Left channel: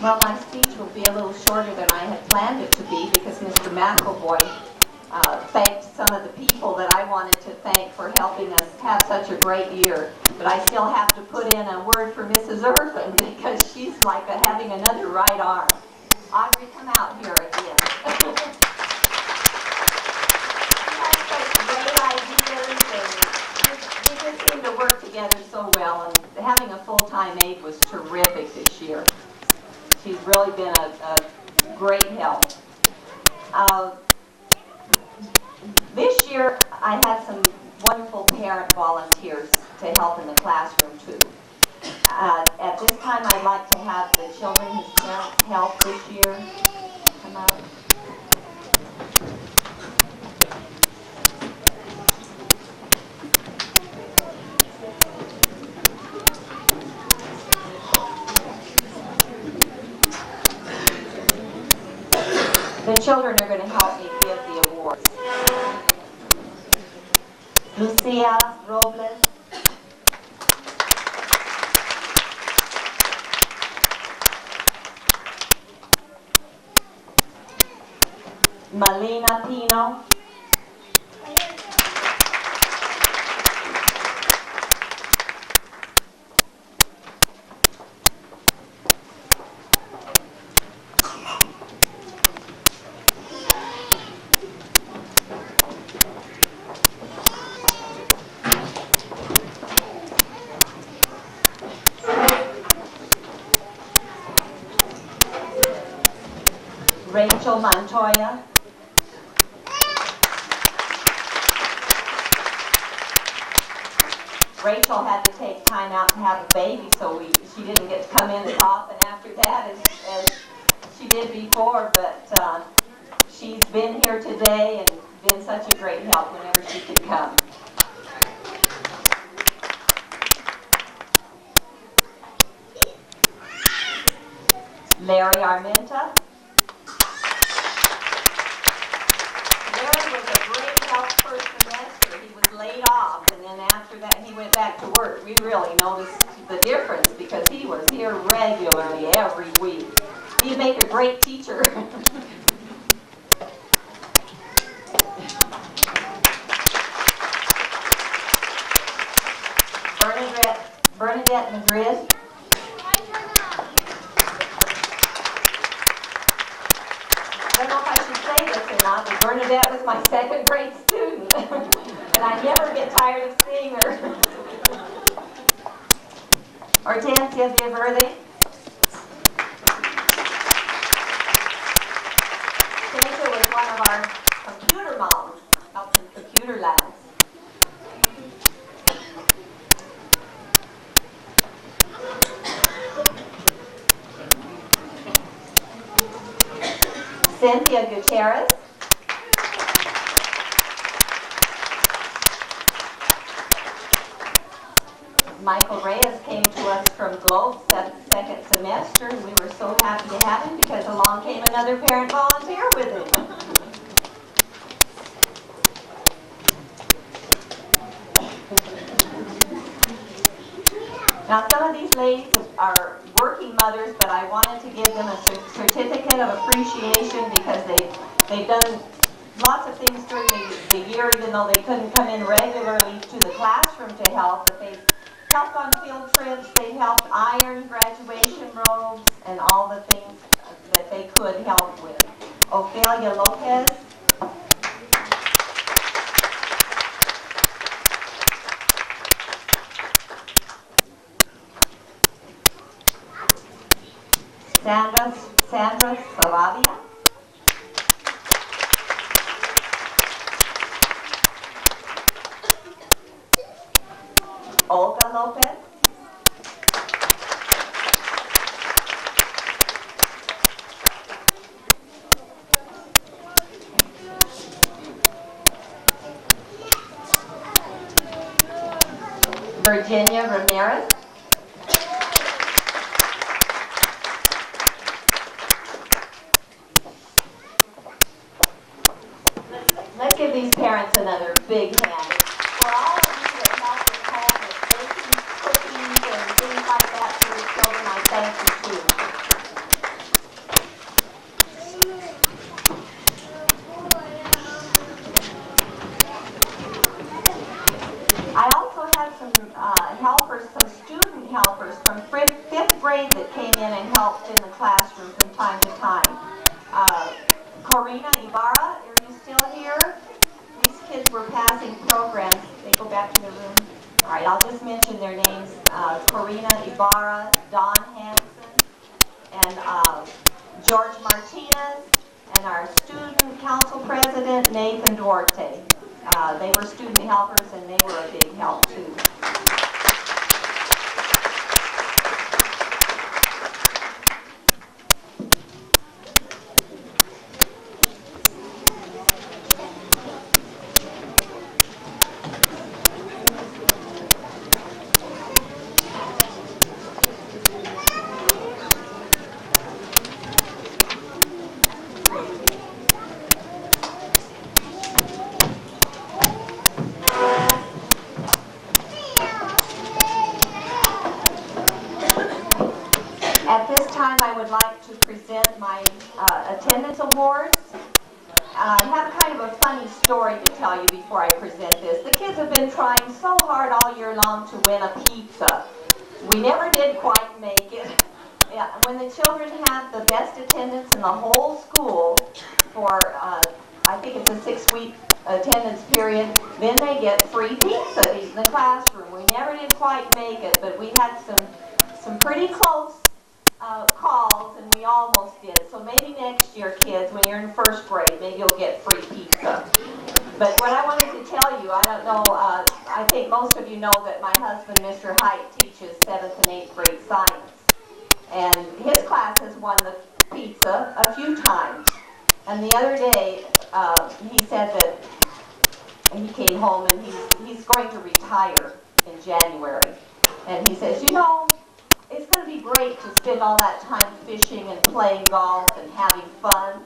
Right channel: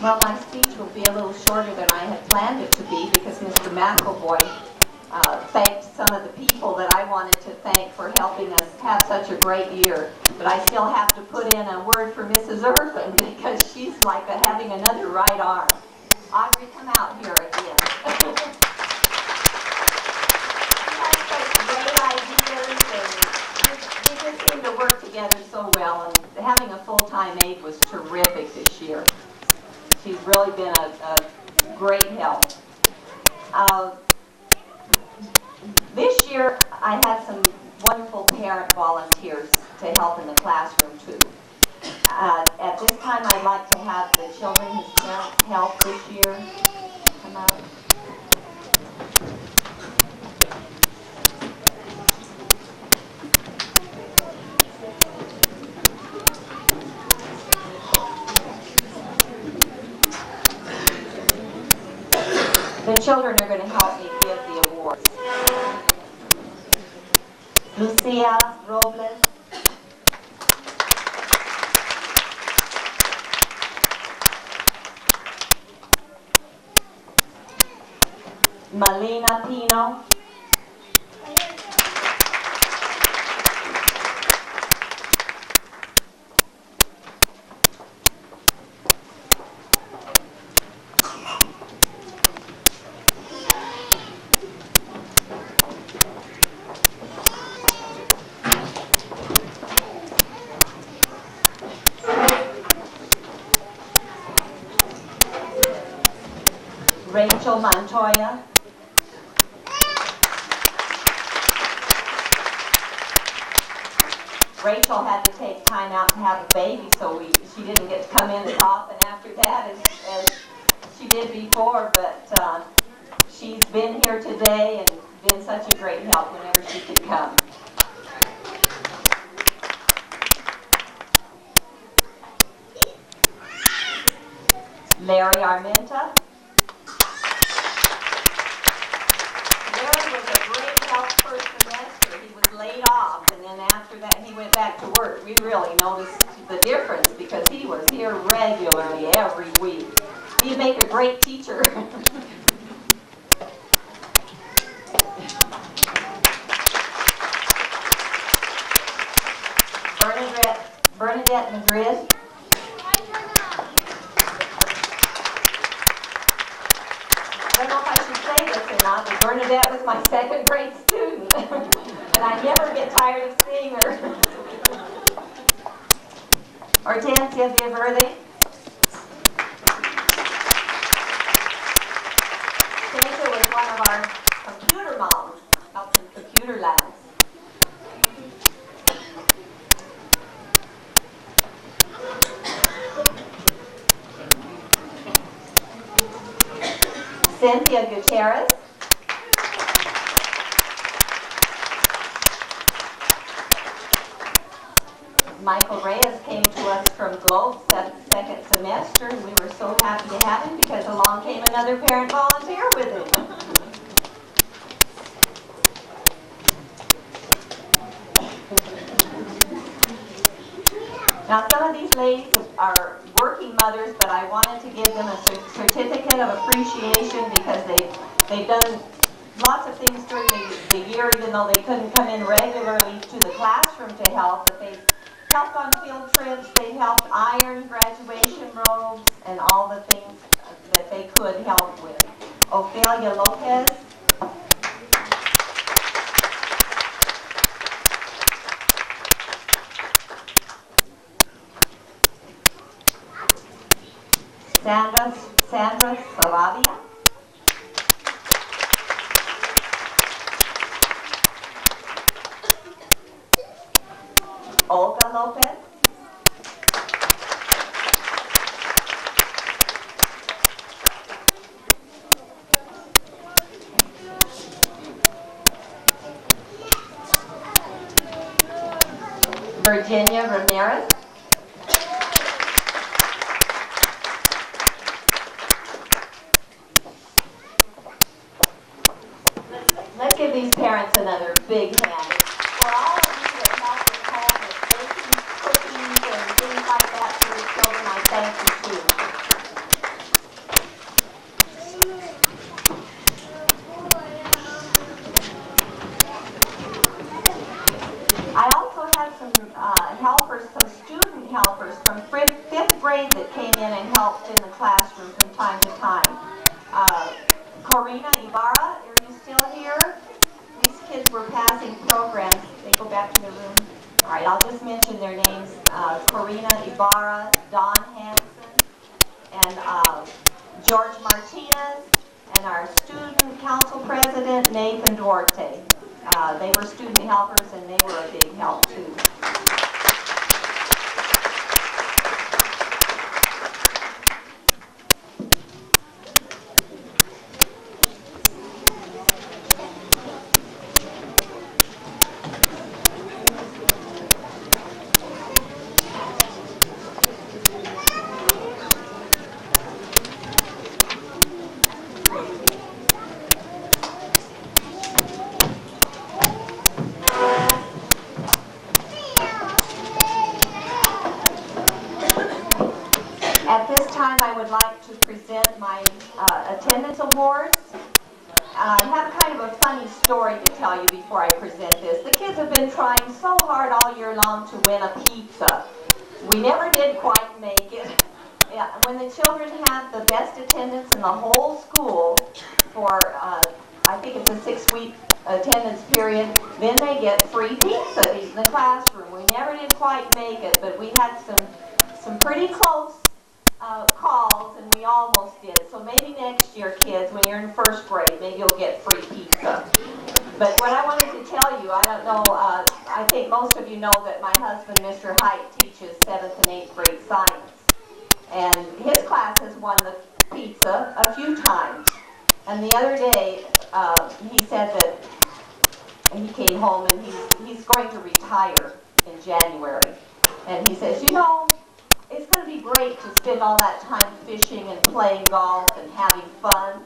Well, my speech will be a little shorter than I had planned it to be because Mr. McElvoy thanked some of the people that I wanted to thank for helping us have such a great year. But I still have to put in a word for Mrs. Irvin because she's like having another right arm. Audrey, come out here again. She has such great ideas, and we just seem to work together so well. And having a full-time aide was terrific this year. She's really been a great help. This year, I had some wonderful parent volunteers to help in the classroom, too. At this time, I'd like to have the children whose parents help this year come out. The children are going to help me give the awards. Lucia Robles. Malina Pino. Rachel Montoya. Rachel had to take time out to have a baby, so she didn't get to come in as often after that as she did before, but she's been here today and been such a great help whenever she could come. Larry Armenta. Larry was a great help first semester. He was laid off, and then after that he went back to work. We really noticed the difference because he was here regularly every week. He'd make a great teacher. Bernadette Madrid. I don't know if I should say this or not, but Bernadette was my second grade student, and I never get tired of seeing her. Hortensia Viverde. Cynthia was one of our computer moms, helped in computer labs. Cynthia Gutierrez. Michael Reyes came to us from Globe second semester, and we were so happy to have him because along came another parent volunteer with him. Now, some of these ladies are working mothers, but I wanted to give them a certificate of appreciation because they've done lots of things during the year, even though they couldn't come in regularly to the classroom to help. But they've helped on field trips, they've helped iron graduation robes, and all the things that they could help with. Ophelia Lopez. Sandra Saravia. Olga Lopez. Virginia Ramirez. Let's give these parents another big hand. For all of you that help us home with baking, cookies, and things like that for the children, I thank you too. classroom from time to time. Corina Ibarra, are you still here? These kids were passing programs. They go back to the room. All right, I'll just mention their names. Corina Ibarra, Don Hansen, and George Martinez, and our student council president, Nathan Duarte. They were student helpers, and they were a big help, too. At this time, I would like to present my attendance awards. I have kind of a funny story to tell you before I present this. The kids have been trying so hard all year long to win a pizza. We never did quite make it. Yeah, when the children have the best attendance in the whole school for, I think it's a 6-week attendance period, then they get free pizza in the classroom. We never did quite make it, but we had some pretty close calls, and we almost did. So maybe next year, kids, when you're in first grade, maybe you'll get free pizza. But what I wanted to tell you, I don't know, I think most of you know that my husband, Mr. Height, teaches 7th and 8th grade science. And his class has won the pizza a few times. And the other day, he said that he came home and he's going to retire in January. And he says, you know, it's going to be great to spend all that time fishing and playing golf and having fun.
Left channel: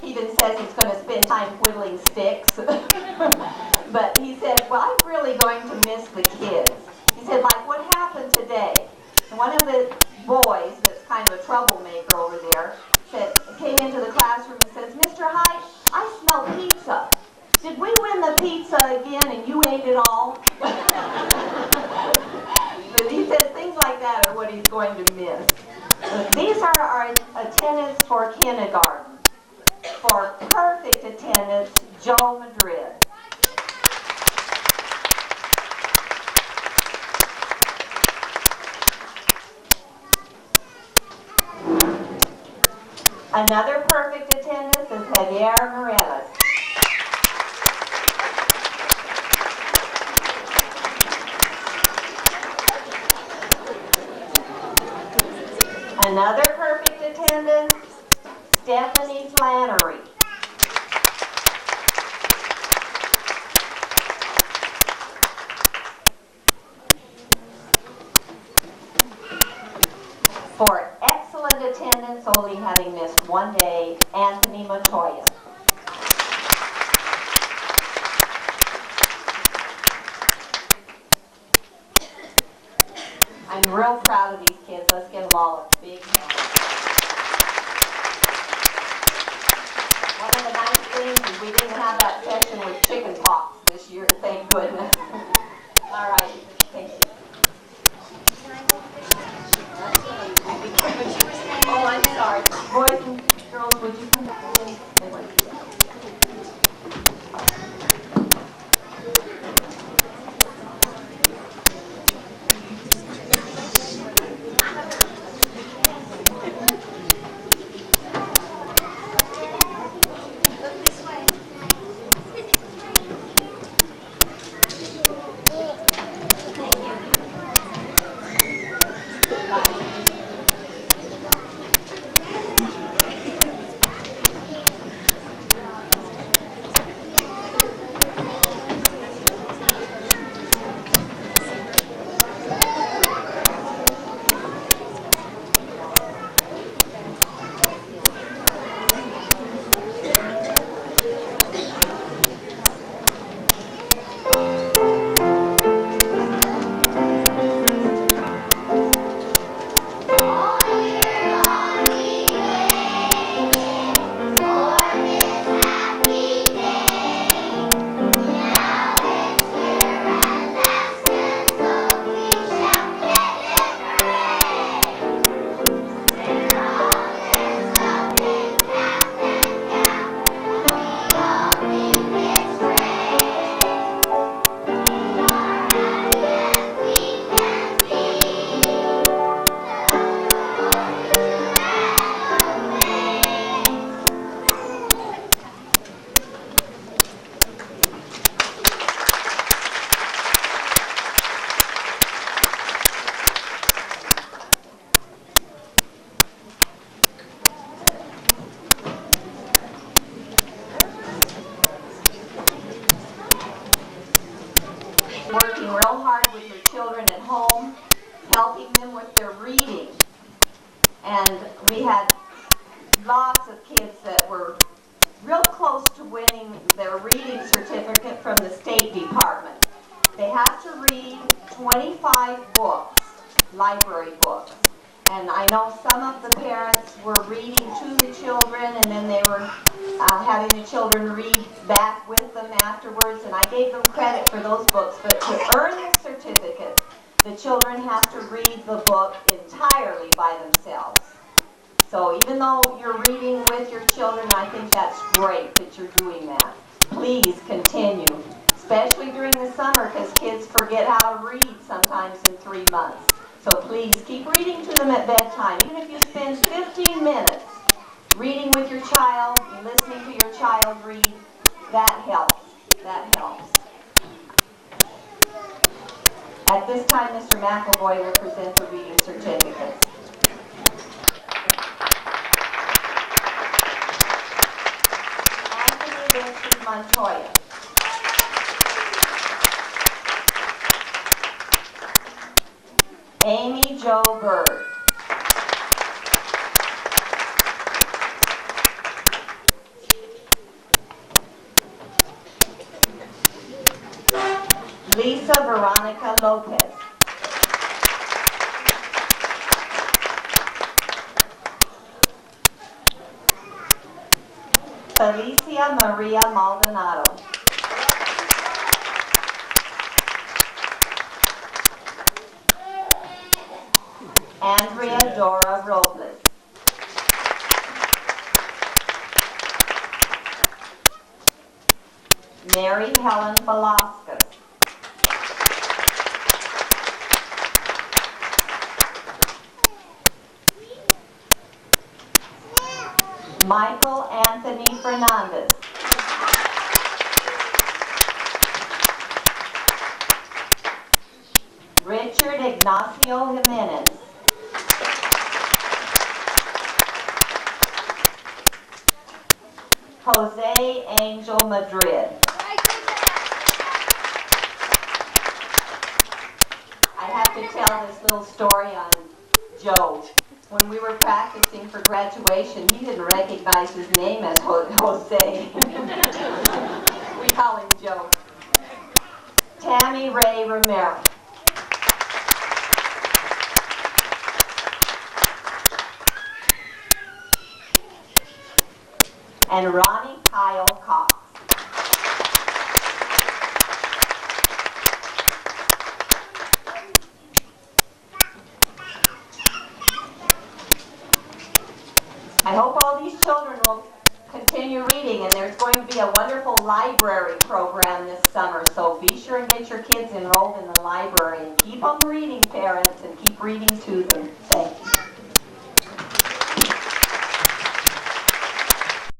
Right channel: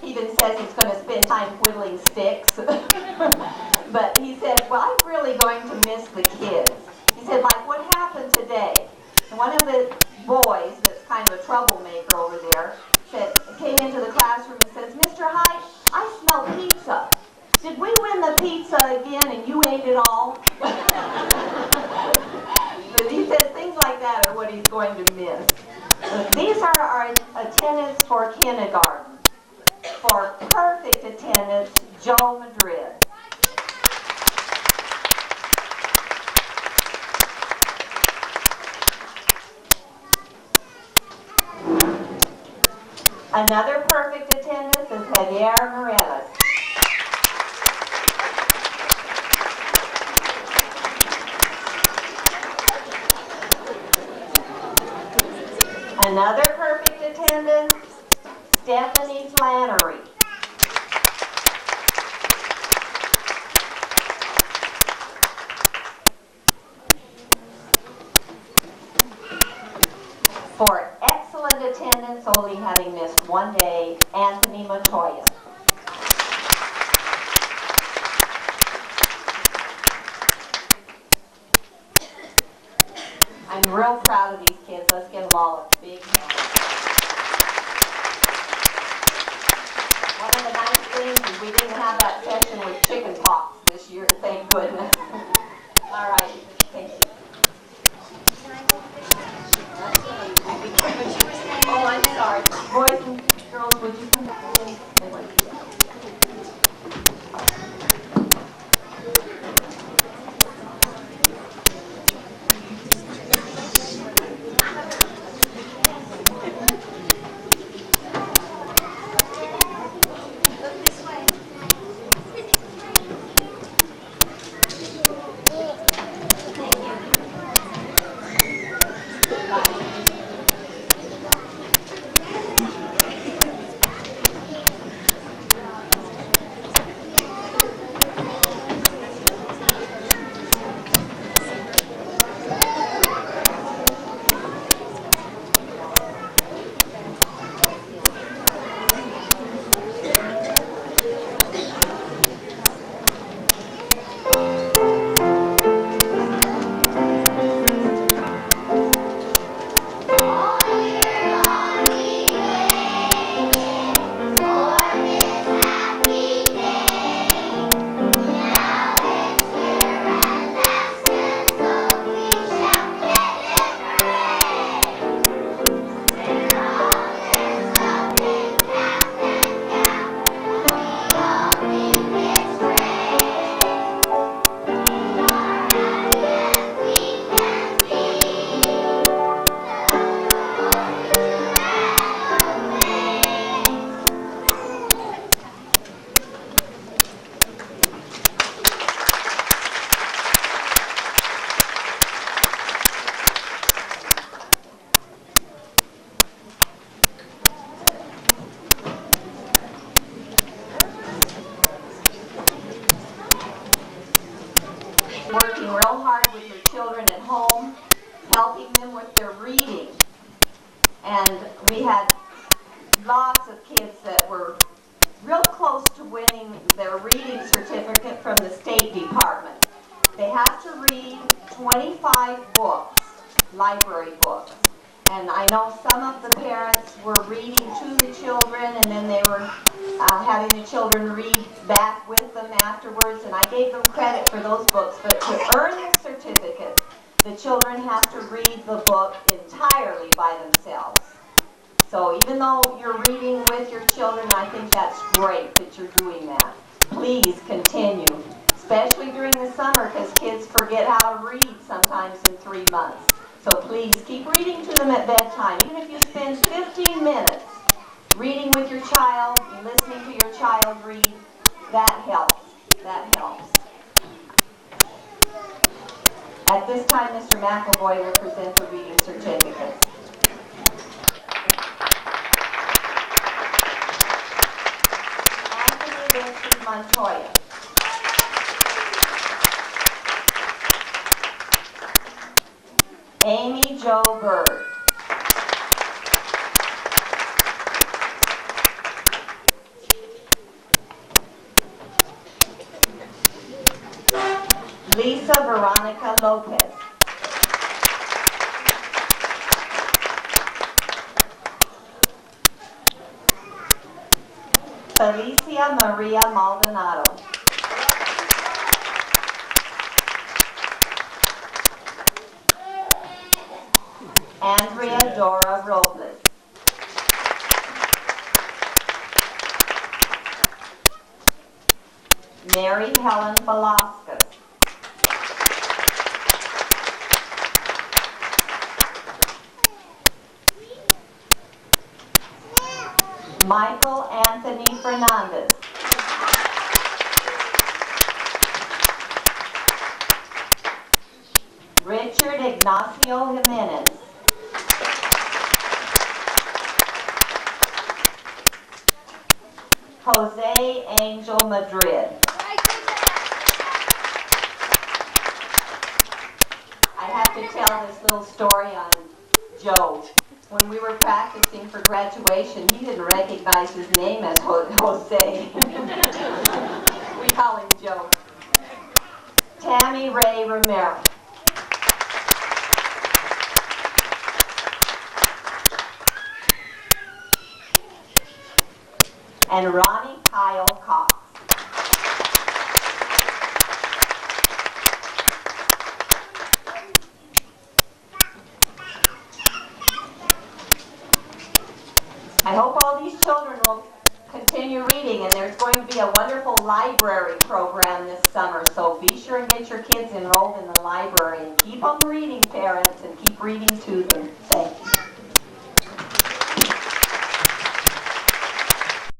He even says he's going to spend time whittling sticks. But he said, well, I'm really going to miss the kids. He said, like what happened today. And one of the boys that's kind of a troublemaker over there came into the classroom and says, Mr. Hyde, I smell pizza. Did we win the pizza again and you ate it all? But he says things like that are what he's going to miss. These are our attendance for kindergarten. For perfect attendance, Joe Madrid. Another perfect attendance is Javier Morelos. Another perfect attendance, Stephanie Flannery. For excellent attendance, only having missed one day, Anthony Montoya. I'm real proud of these kids. Let's give them all a big hand. One of the nice things is we didn't have that session with chicken pox this year, thank goodness. All right, thank you. Oh, I'm sorry. Boys and girls, would you come back in? lots of kids that were real close to winning their reading certificate from the State Department. They have to read 25 books, library books. And I know some of the parents were reading to the children, and then they were having the children read back with them afterwards, and I gave them credit for those books. But to earn the certificate, the children have to read the book entirely by themselves. So even though you're reading with your children, I think that's great that you're doing that. Please continue, especially during the summer, because kids forget how to read sometimes in 3 months. So please keep reading to them at bedtime. Even if you spend 15 minutes reading with your child, listening to your child read, that helps. That helps. At this time, Mr. McElvoy will present the reading certificates. Anthony Montoya. Amy Jo Bird. Lisa Veronica Lopez. Felicia Maria Maldonado. Andrea Dora Robles. Mary Helen Velasquez. Michael Anthony Fernandez. Richard Ignacio Jimenez. Jose Angel Madrid. I have to tell this little story on Joe. When we were practicing for graduation, he didn't recognize his name as Jose. We call him Joe. Tammy Ray Romero. And Ronnie Kyle Cox. I hope all these children will continue reading, and there's going to be a wonderful library program this summer, so be sure and get your kids enrolled in the library and keep them reading, parents, and keep reading to them. Thanks.